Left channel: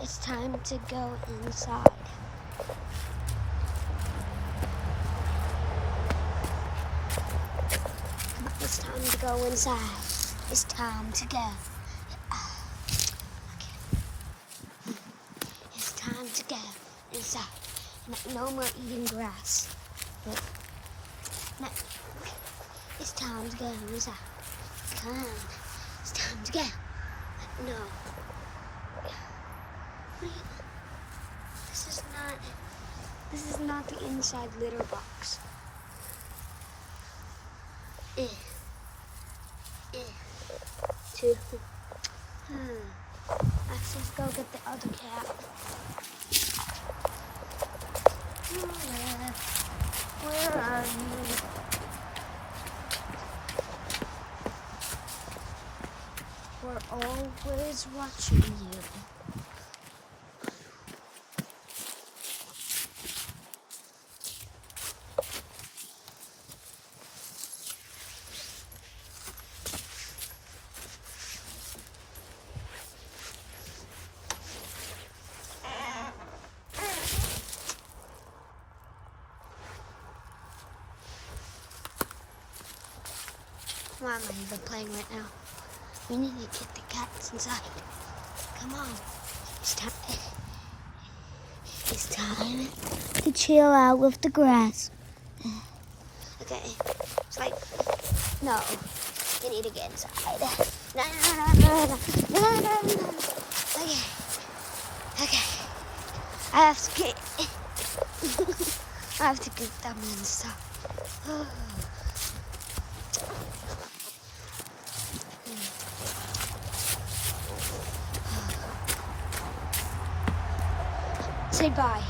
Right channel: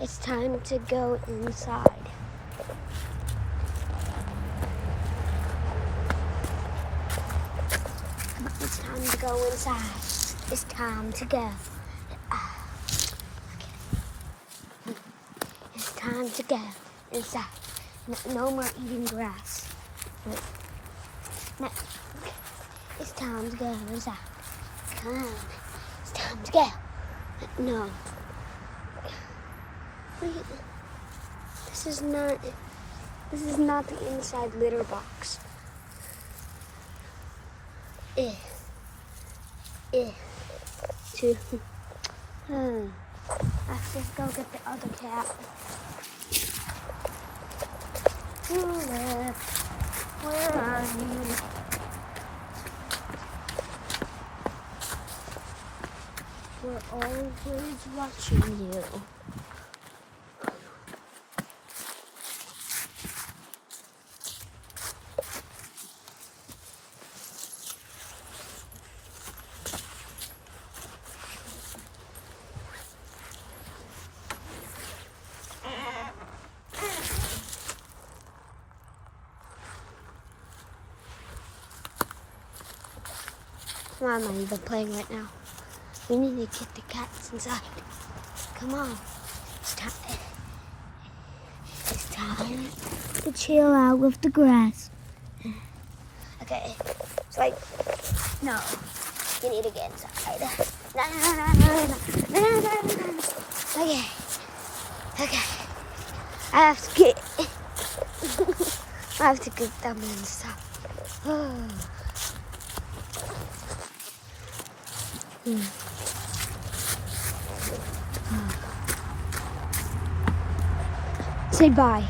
It's time to go inside. It's time to go inside. It's time to go. Okay. It's time to go inside. No more eating grass. No. It's time to go inside. Come on. It's time to go. No. Wait. This is not the inside litter box. Let's just go get the other cat. Tulip, where are you? We're always watching you. Why am I even playing right now? We need to get the cats inside. Come on. It's time to chill out with the grass. Okay. It's like, no. You need to get inside. No. Okay. I have to get them inside. Say bye.